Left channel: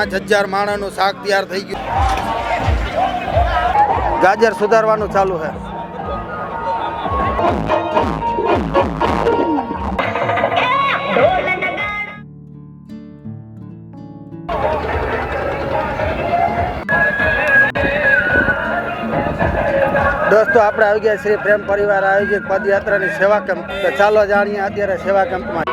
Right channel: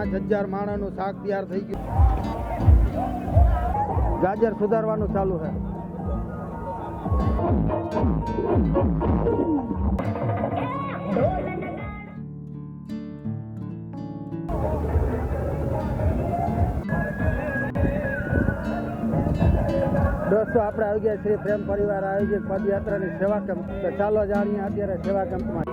5000 માણસનું શાક તૈયાર થઈ ગયું. ગાજર સુધારવાનું ચાલુ છે. દોસ્તો આપણે આવી ગયા શ્રી પ્રેમ પરિવાર આયોજિત પદયાત્રાની સેવા કેમ્પ. તો ચાલો જાણીએ અત્યારે સેવા કેમ્પમાં.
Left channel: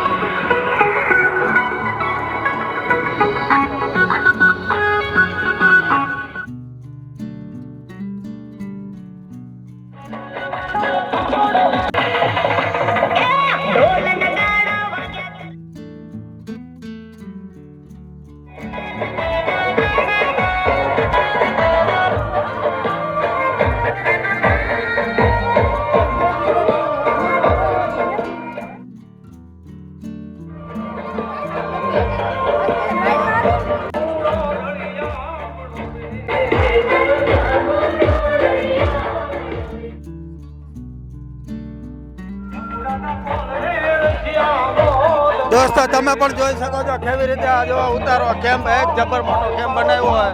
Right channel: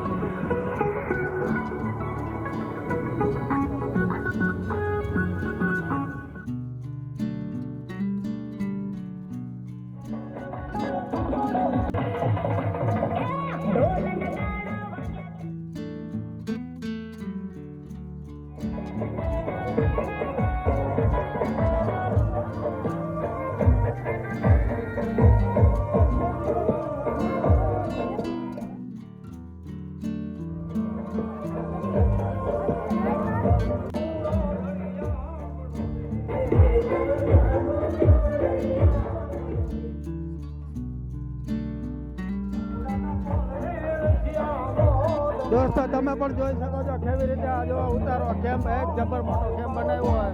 દોસ્તો તમે પણ જોઈ શકો છો કેવી રીતે આ જો ઉતારો કેમ્પ એક જબર મોટો કેમ્પ બનાવ્યો હોય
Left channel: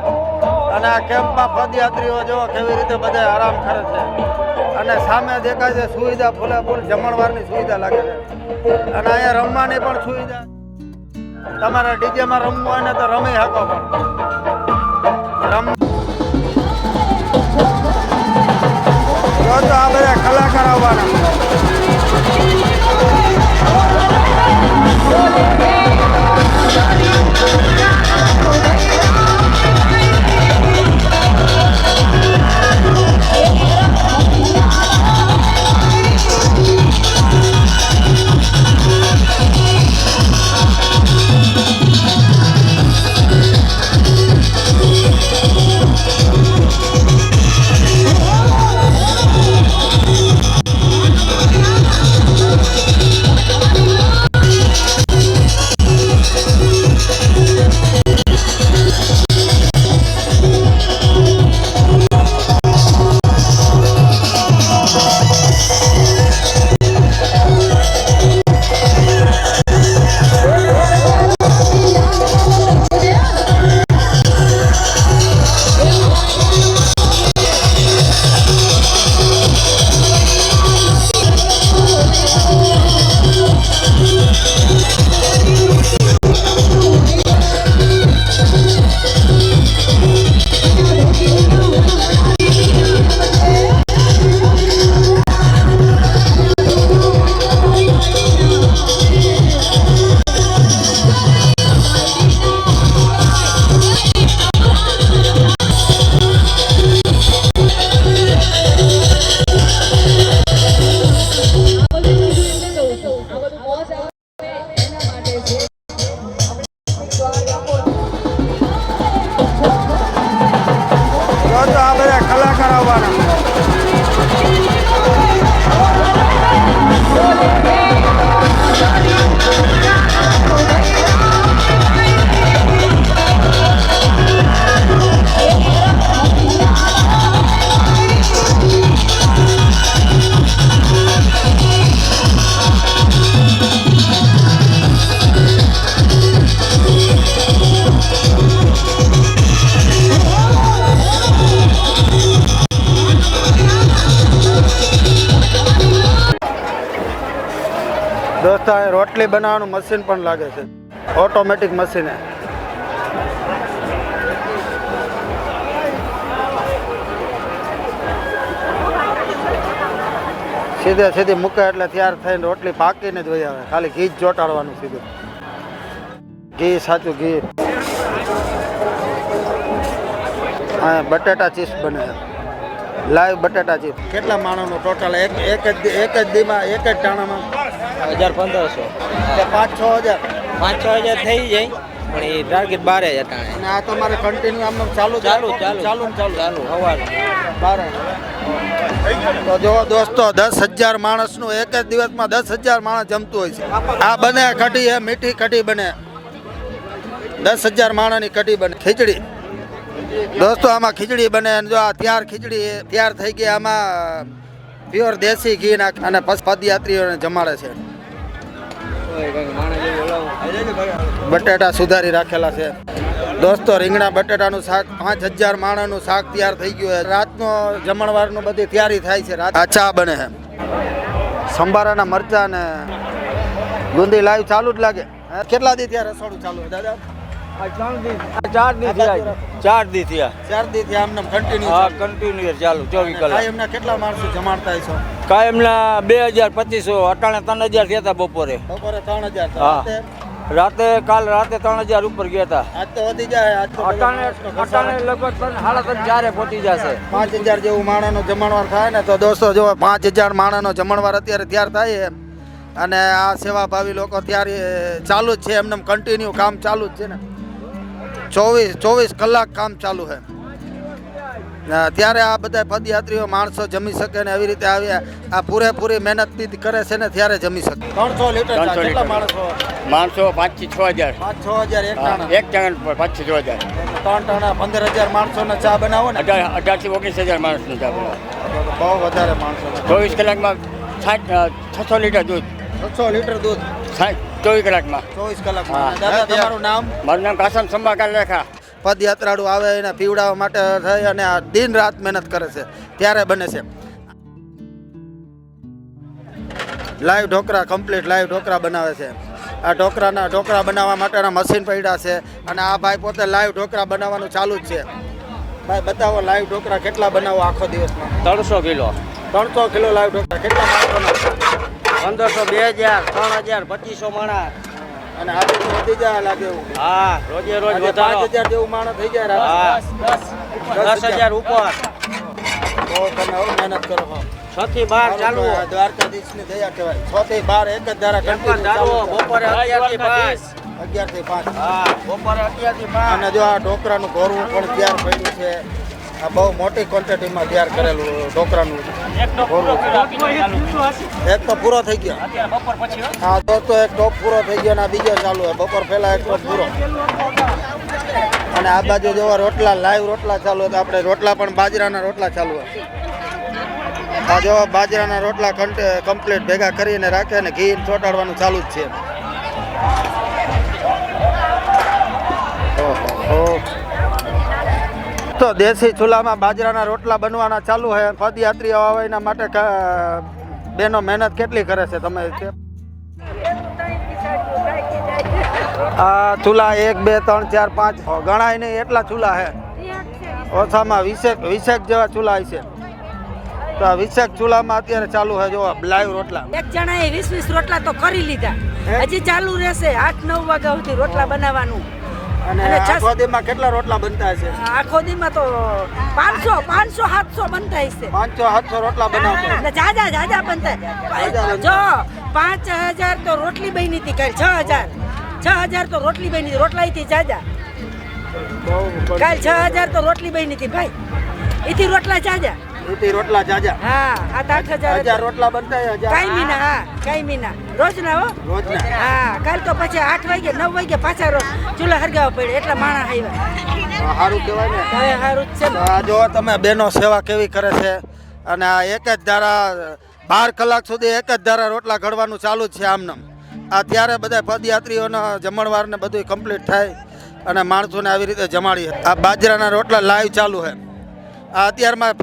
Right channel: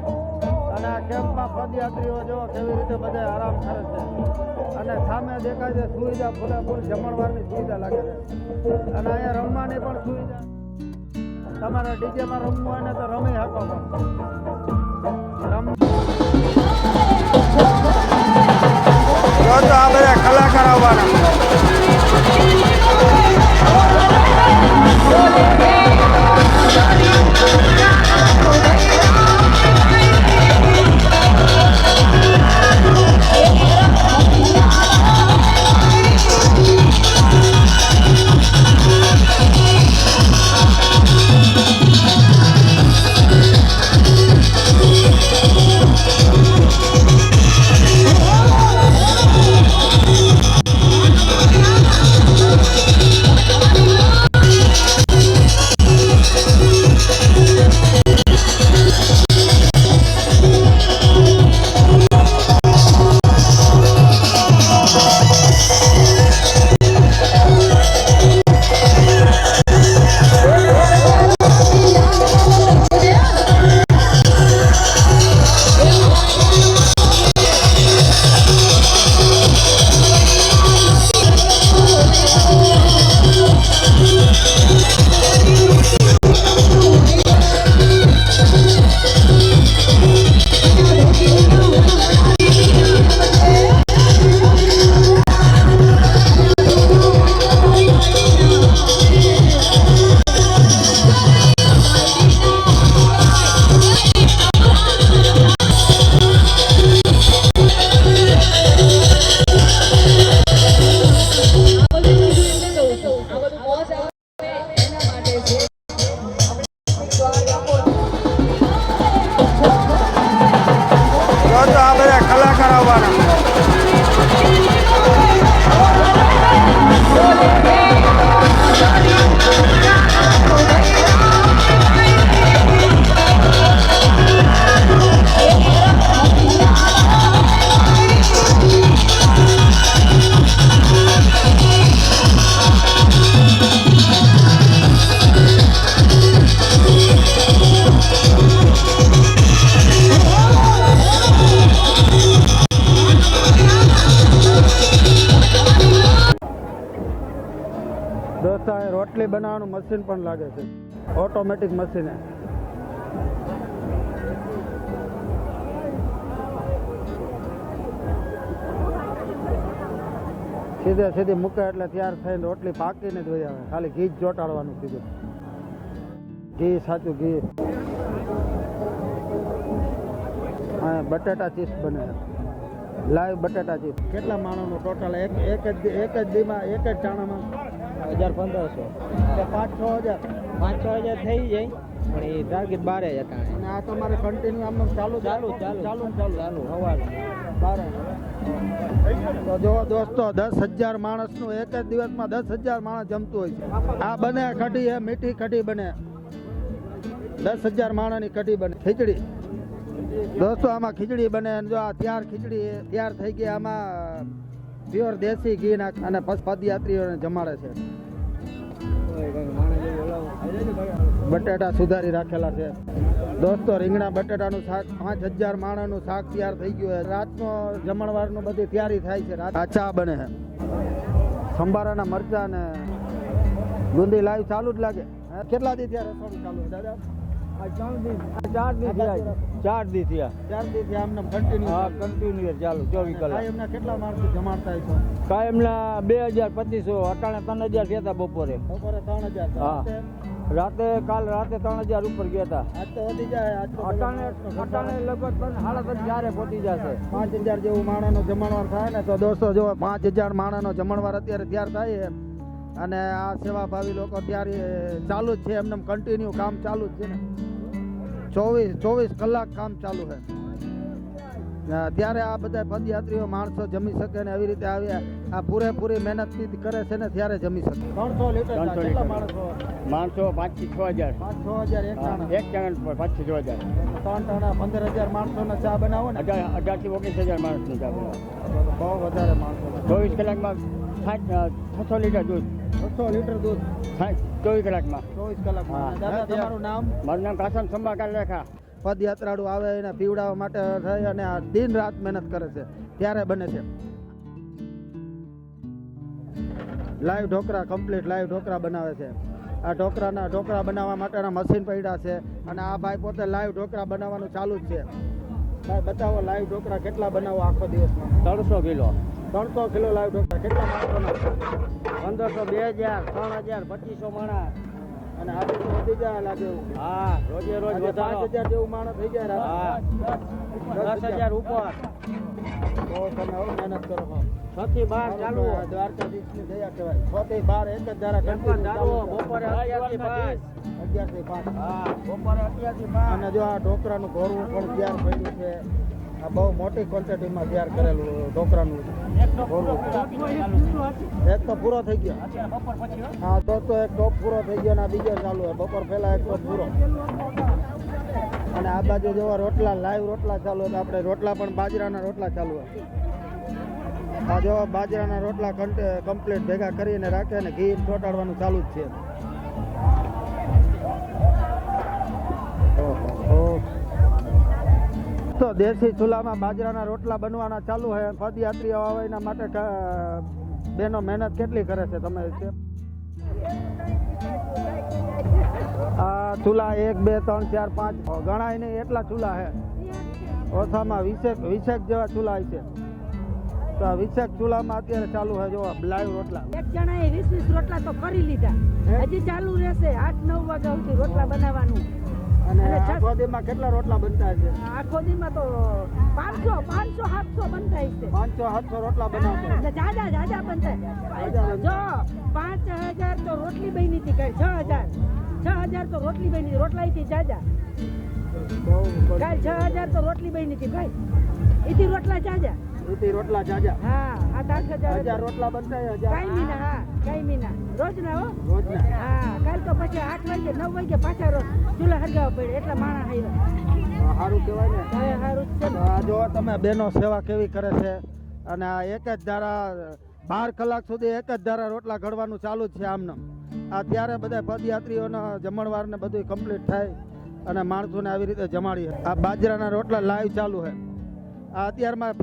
અને આ કેમ્પમાં પદયાત્રીઓ જો કેવી રીતે બધા આરામ કરે છે અને સામે દેખાય છે સુવિધા ફૂલે ફૂલ જમણવારની સુવિધા લાગે છે અને અહીંયા રમવાની પણ સુવિધા. તમારે ડીજેમાં રમવું હોય ને તો રમી શકો પણ તો આ બધા કલાકાર આવવાના. દોસ્તો રોટલી બનાવવાનું મશીન પણ લાગે છે, ઓટોમેટિક મશીન. સીધે સીધી મૂકે એટલે તૈયાર થઈને રોટલી પાકીને જ વહી આવે. ખાલી ઘી જ ચોટાડવાનું સીધું. ઘી, સાચું ઘી. હા, બટેટા ચિપ્સ બને, લાઈવ બટેટા ચિપ્સ. કેટલા માણસનું ટોટલ એક જ દીમાં એક જ ટાણામાં? 1500. 5-6 હજાર 5-6 હજાર થઈ જાય પણ એ ટાર્ગેટ 12,000 ટાણે. અને આ તમારે કન્ટિન્યુ આમ ચાલુ સવાર તો જો દોસ્તો 10,000 માણસનું એક જ દિવસમાં 10,000 માણસ જમતું હોય છે. આ બને કઢી હે, મીઠી કઢી બને. 10,000 માણસની કઢી બને. ખીચડી દોસ્તો આમાં ખીચડી બને. જો આ ખીચડી તૈયાર થઈ ગઈ. આમાં પ્યોર દેશી ઘી નાખ અને પદયાત્રીઓને જમાડે છે. બટેટા સુધારી રાખેલા છે. દોસ્તો રીંગણા બટાટાનું શાક 5000 માણસનું શાક તૈયાર થઈ ગયું છે. રાતનો જમણવારનું બધી તૈયારી થાય છે. આ ચા બને છે. સંભારાના મરચા ને ગુંદી લાઈવ ચાલુ જ લાગે. કેટલા દી થયા રસોડું ચાલુ છે દાદા? 4 દી થયા. 4 દી થયા આમને કન્ટિન્યુ. હા, કન્ટિન્યુ ચાલુ 24 કલાક. એમના કેટલા માણસો જમાડતા છો? કાયમના 2200, અટાણે 3000 થયા હતા બપોરે. બપોરે 3000. હા. કાલ રાતે 3000 ઉપર ગયા હતા. આજ તો વધી જાય. આજ તો અટાણે લગભગ 3:30 પહોંચી જશે. 5000 જેવું માણસનો જમણવાર થાય ને તો દોસ્તો જો 5000 માણસનો જમણવાર અત્યારે તૈયાર થાય છે. અને આ સેવાભાવી લોકો ત્યારે ચાલુ જ છે. એમને કન્ટિન્યુ કામ ચાલુ જ છે ને 24 કલાક કામ ચાલુ છે. ત્યારે આ બધા પદયાત્રીઓ માણસો જમી શકે ને એવી રીતે આવ્યા. આ પૂરેપૂરી મહેનત કરે છે ને ત્યારે જમી શકે. 300 લીટર કેટલા માણસો 5 થી 6000. 5-6000 એક ટાણા. એક ટાણા પર 5 થી 6000. 3 ટાણા 15000 માણસોને ચા બનાવો ને 18 થી 19000 માણસનું ચા બનાવો. બહુ વધારે માણસો. 24 કલાકમાં 600 લીટર દૂધ. 600 લીટર દૂધ 24 કલાકમાં. 24 કલાકમાં. દાદા તમારું નામ? મારું નામ કાસમ સંભાકાલ રેખા. પદયાત્રાળુ આવે એને પીવડાવવા માટે થઈ અને આ દિન રાત મહેનત કરે છે ત્યારે બને છે. Live dhokla complete live dhokla બનાવે છે. આ ઢોકળા બનાવવા માટેના મશીન પડ્યા છે અને આ ભાઈ પોતે લાઈવ ઢોકળા બનાવવાનું ચાલુ જ છે. ભાઈ બતાવો લાઈવ ઢોકળા કેટલા બનાવો આખો દિવસમાં? 300 કિલો. 300 કિલો લાઈવ ઢોકળા કેટલા માણસોના? 1500, 2000, 3000, 2500 માણા. અને આજે તો વધી જાય લાગે એવું. હા, રોજે રોજ આજે વધારો. 5000 જેવું માણસ થઈ જાય રાત્રે. હા, 10,000 ઉપર. તો તમે હવે મહેનત કરો છો. 6 થી 12 ચાલુ. દ્વારકાધીશની દયા કહેવાય. 6 થી 12 એક જ ધારા continue ચાલુ. બપોરે 11 થી 5. 11 થી 5. હા, બપોરે 11 થી 5. અને જો આ ઢોકળાનું ઘોરવું પણ તૈયાર પડ્યું છે. આ બહુ મોટી ક્વોન્ટિટીમાં તૈયાર કરેલું ઢોકળાનું ઘોરવું. એક તો પૂરો થઈ ગયો. બપોર પછી હા દોસ્તો એક ટોપ પૂરો થઈ ગયો અને આ બીજો ચાલુ છે. બપોર પહેલા એક ટોપ પૂરો. અને આ બાજુ જોવા રોટલા લાઈવ રોટલા ચાલુ હતા. આપણે રોટલા પણ બાજરાના રોટલા ચાલુ છે. આ જોવા બાજરાના રોટલા કમ્પ્લીટ ભેગા કરીને રાખે અને ઘી ચોટાડવાનું ચાલુ જ છે. તો દેશી ચૂલામાં બાજરાના રોટલા બનવાના ચાલુ છે. પદયાત્રીઓ આવે એના માટે બેનો મહેનત કેટલી કરે છે તમે? આ ચૂલા 1 2 3 4 5 ગણાય નહીં એટલા ચૂલા છે. ઓછામાં 20 જેવા ચૂલા છે. તો આ 20 ચૂલામાં અત્યારે ચાલુ છે જો લાઈવ રોટલા. એક જણાએ 20 રોટલા તો કરી લીધા. હજી ચાલુ રહેશે 8-9 વાગ્યા સુધી રોટલા બનાવવાનું. અને આખો દીમાં કેટલા રોટલા બનતા હશે? આખો દીમાં તો 500-700 બનતા હશે. 500-700 રોટલા બનાવતા. અને જાજા બનતા. જો 5000 તો રોટલી બની હતી કાલ. 6000 તો રોટલી બની હતી. રોટલા થી જાજા કાલ 6000 તો રોટલી બની હતી ભાઈ. એથી રોટલા જાજા. રોટલા જાજા. હા આ 8000 રોટલા બનતા. કાયમી ના. હા કાયમી ના રોજના હો. રોજના. હા કાલ તો પછી 8 વાગે 9 વાગે પાછા ચૂલા હરગાવા પડે એટલા માણસ આવ્યા. સારું કહેવાય ને. હવે સારું જ છે ને. આ જો તમે બેનો સેવા કેવી કરે છે. અને આ એક જ ધારા 12 કલાક સુધી એક જ ધારા રોટલા ઘડવાનું ચાલુ જ છે આમને. આ ત્યારે બધા પદયાત્રીઓના જમણવાર ને બધું કમ્પ્લીટ થાય અને માણસોને આવી રીતે જમાડી. આ બાજરાના રોટલા લાઈવ ચાલુ છે. આ અત્યારમાં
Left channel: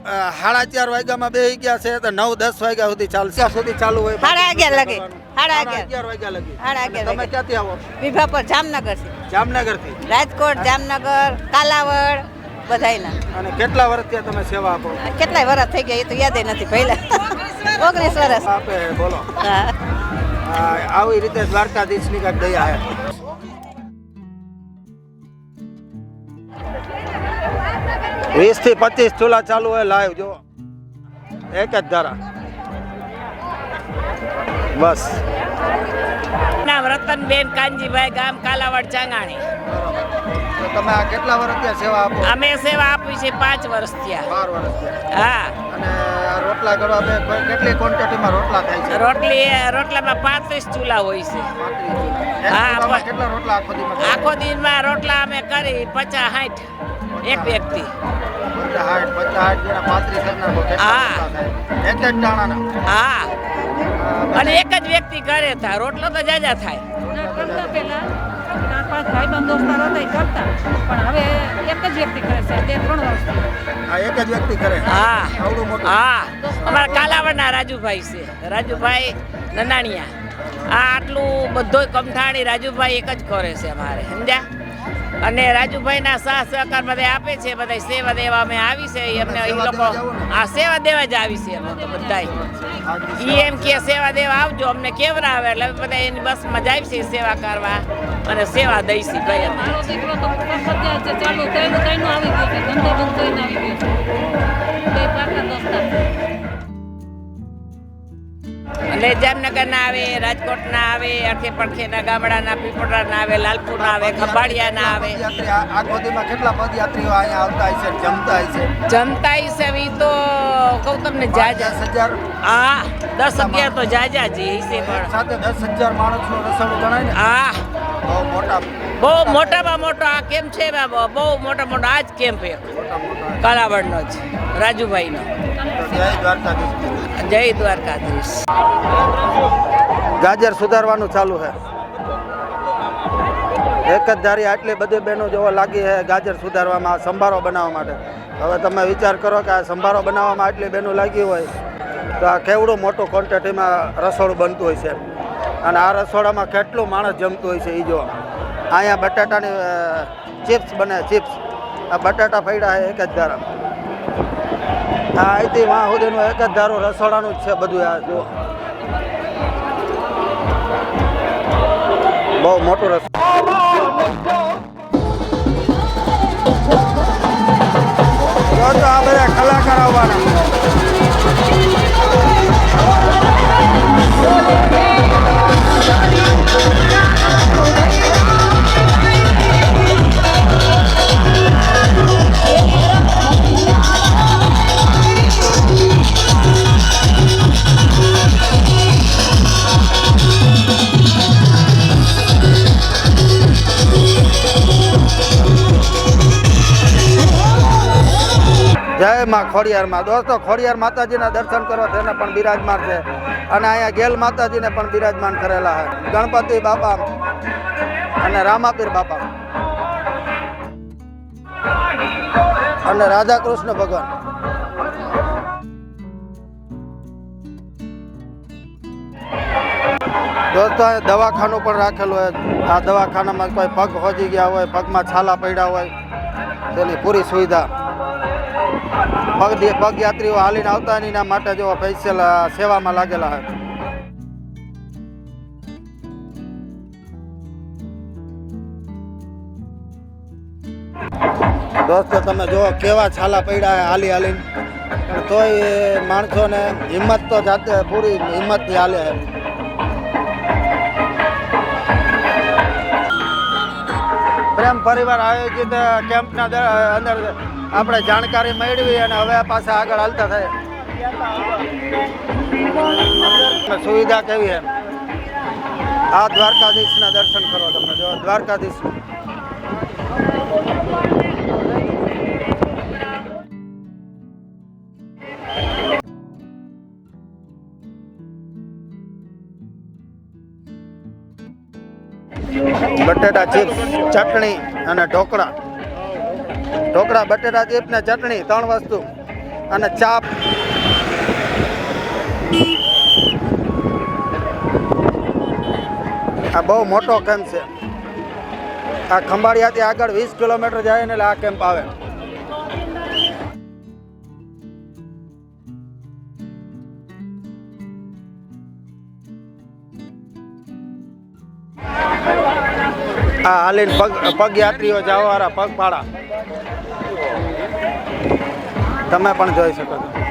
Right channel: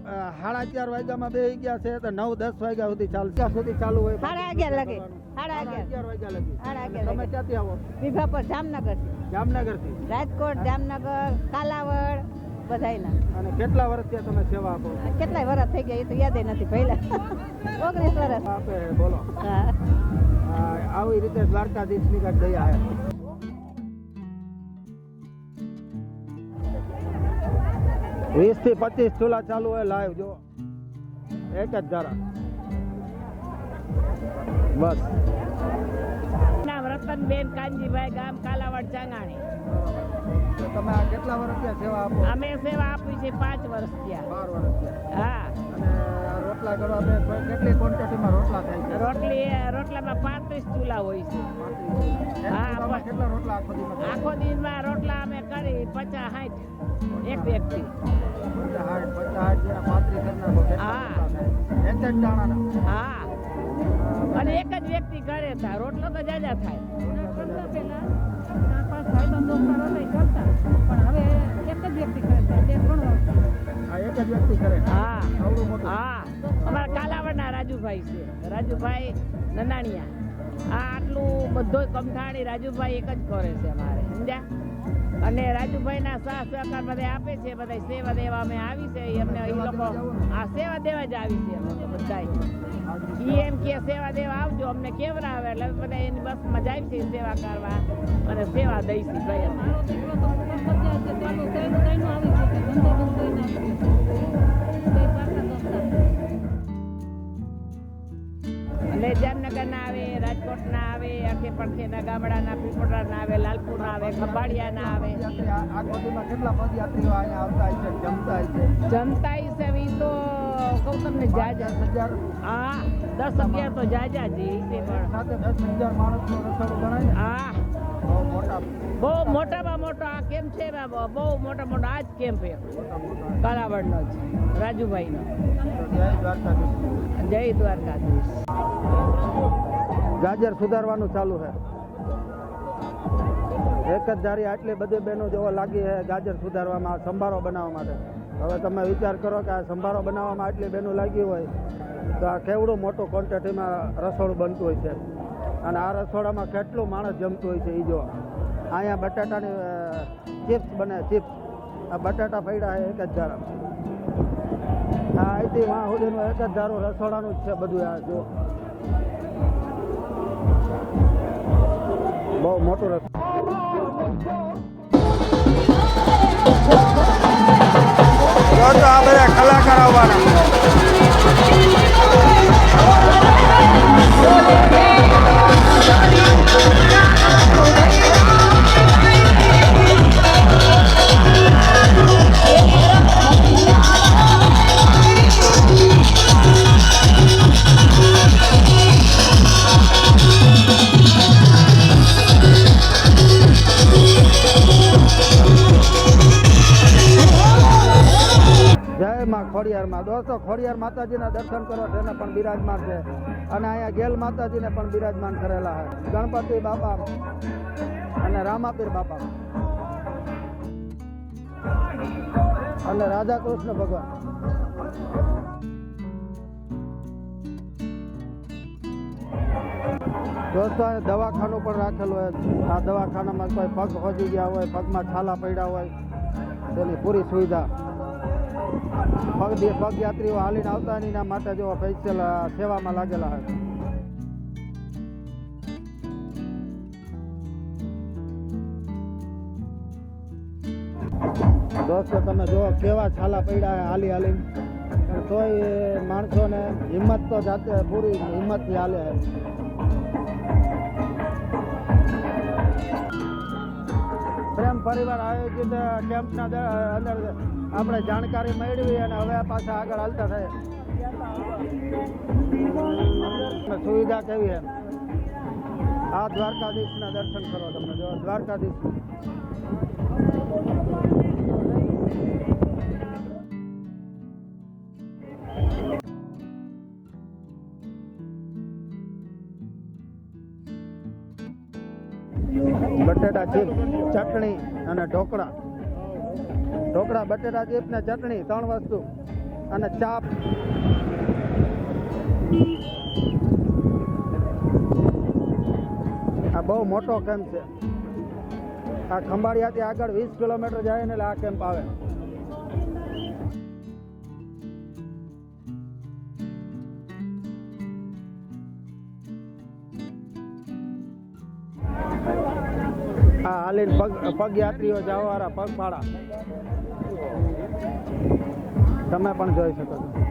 4:30 વાગ્યામાં બેસી ગયા છે તો 9-10 વાગ્યા સુધી ચાલશે. ક્યાં સુધી ચાલુ હોય? 11:30 લગે. 11:30 વાગ્યા લગી. 11:30 તમે ક્યાંથી આવો? વિભાપર જામનગર. જામનગરથી. રાજકોટ, જામનગર, કાલાવડ બધાયના. અને કેટલા વર્ષથી તમે સેવા આપો? કેટલાય વર્ષ થઈ ગયા એ તો યાદ નથી પહેલા. 19 વર્ષ. આપે બોલો. આવી રીતે દ્વારકાધીશની કાંઈક દયા છે. 20 થી 25 ચૂલા ચાલુ હોય લાઈવ જો. એક જ ધારા. બસ. નામ રતનબેન કાનજીભાઈ, ગામ કાલાવડ ચાંગાણી. તો તમે આ કેટલા વર્ષથી સેવા આપો? અમે સેવા આપી છે 5 વર્ષ થયા. 12 વર્ષ થયા. હા. અને આ રોટલા ઘડવા બે કેટલી ક્વોન્ટિટીમાં રોટલા થાય છે? રોટલામાં 35 ચૂલા હોય છે. હા. કેટલા રોટલા આખો દીમાં? આખો દિનમાં રોટલા અમે કરી 50-60 એક વ્યક્તિ. 50-60 જેના 35 કરી નાખો. કેટલા રોટલા થાય? એક જ દાણાના. હા. અને એક જ વ્યક્તિ કરે થાય રોટલો તો જાજા થાય. 4-5 ભાઈબંધ દોસ્તારો હતા એ કરતા પણ હવે એક જ વ્યક્તિ કરે છે 2-3 વર્ષથી. આ એક જ વ્યક્તિ કરે હા આવડું મોટું હા અમારા કાલાવડના રાજુભાઈ છે રાજુભાઈ નનાણિયા આ આટલું બધોય કમઠાણી રાજુભાઈ એક જ કરે છે અમારે સમજ્યા અને રાજુભાઈના સાથ સહકાર બધા આપે છે બધા સેવા દેવા અમે આવી છે એમને એ લોકો આ સેવા દેવા જ આવી છે અમે તો બધાય ઈ એમ કે સેવા દેવા આવજો અમને કેવરાવે એટલે અમે બધા એની બસમાં જાય છે સેવા કરવા અને સેવા દઈશી ભાઈ અમે મારો દીકરો તો ફરજિયાત છે ચાલુ થઈને આવી ગયો છે ધંધો બંધ થઈને આવી ગયો બે પાકા દોસ્તાર અને જામનગરના આવે રાજકોટના આવે અડખે પડખેના ગામડાના પીપળાના આવે લાલપુરના આવે ખંભાળિયાના આવે આ ગોદીમાં કેટલા પદયાત્રીઓ અહીંયા આવતા હોય છે જમતા હોય છે જનતા હિસાબે તો કહું તમને જાજા 10,000 હા 10-11 તો જાજા જ છે પણ સાથે 10,000 માણસનું રસોડું ગણાય ને હા બહુ મોટા બહુ મોટામાં મોટો આ કેમ્પ છે બહુ મોટો આ જ કેમ્પ એક કાલાવડનો જ રાજુભાઈનો જય દ્વારકાધીશ જય દ્વારકાધીશ ગાજર સુધારવાનું ચાલુ છે એક જ ધારી આટલી બધી બહેનો જોવા લાગી છે ગાજર સુધારવામાં સંભારો બનાવવા માટે હવે તમે વિચાર કરો કે આ સંભારો બનાવવામાં આટલી બહેનો લાગી હોય તો આ કેવડું મોટું ક્વોન્ટિટીમાં રસોડું બનતું હોય છે અને આ રસોડામાં કેટલું માણસ જમતું હોય છે એ જો અહીંયા બટાટાની ચિપ્સ બને ચિપ્સ આ બટાટા ફૈડા છે એક જ ધારા આ અહીંથી વાં સુધીનું એક જ ધારું રસોડાનું જ છે બધું આ જો બહુ મોટું રસોડું તો આ બધા કલાકાર આવવાના જય માં ખોડિયારમાં દોસ્તો ખોડિયાર માતાજીના દર્શન કરો તેને પણ બિરાજમાન છે અને અહીંયા ગેલ માતાજીને પણ બિરાજમાન કરેલા છે ગણપતિ બાપા અને રામાપીર બાપા અને રાધા કૃષ્ણ ભગવાન દોસ્તો અહીંયા દવાખાનું પણ રાખેલું હોય આ દવાખાનામાં કોઈ પગ હોજી ગયા હોય પગમાં છાલા પડ્યા હોય તેની પૂરી સુવિધા પગયાત્રીઓ હાલીને આવતા હોય એના માટે જો સ્પેશિયલ સેવામાં લાગેલા હોય દોસ્તો તમે જો કેવા છાલા પડ્યા હાલી હાલીને પણ તોય માણસોને હિંમત તો જાતે પૂરી હિંમતથી હાલે છે પ્રેમ પરિવાર આયોજિત કેમ્પના અંદર આપણે જાણકારી મેળવી અને હવે પાછા આગળ હાલતા થાય સુવિધા કેવી એમ આ દ્વારકાધીશના દર્શન કરો તમે જો દ્વારકાધીશ બટેટા ચિપ્સ ચટણી અને ઢોકળા બટેટા ચિપ્સ ને ચટણી 3 વસ્તુ અને ચા આ બહુ મોટો કેમ્પ છે આ ખંભાળિયાથી આગળ 20 કિલોમીટર જાય ને એટલે આ કેમ્પ આવે આ હાલીને પગયાત્રીઓ જવાવાળા પગપાળા તમે પણ જોઈ શકો છો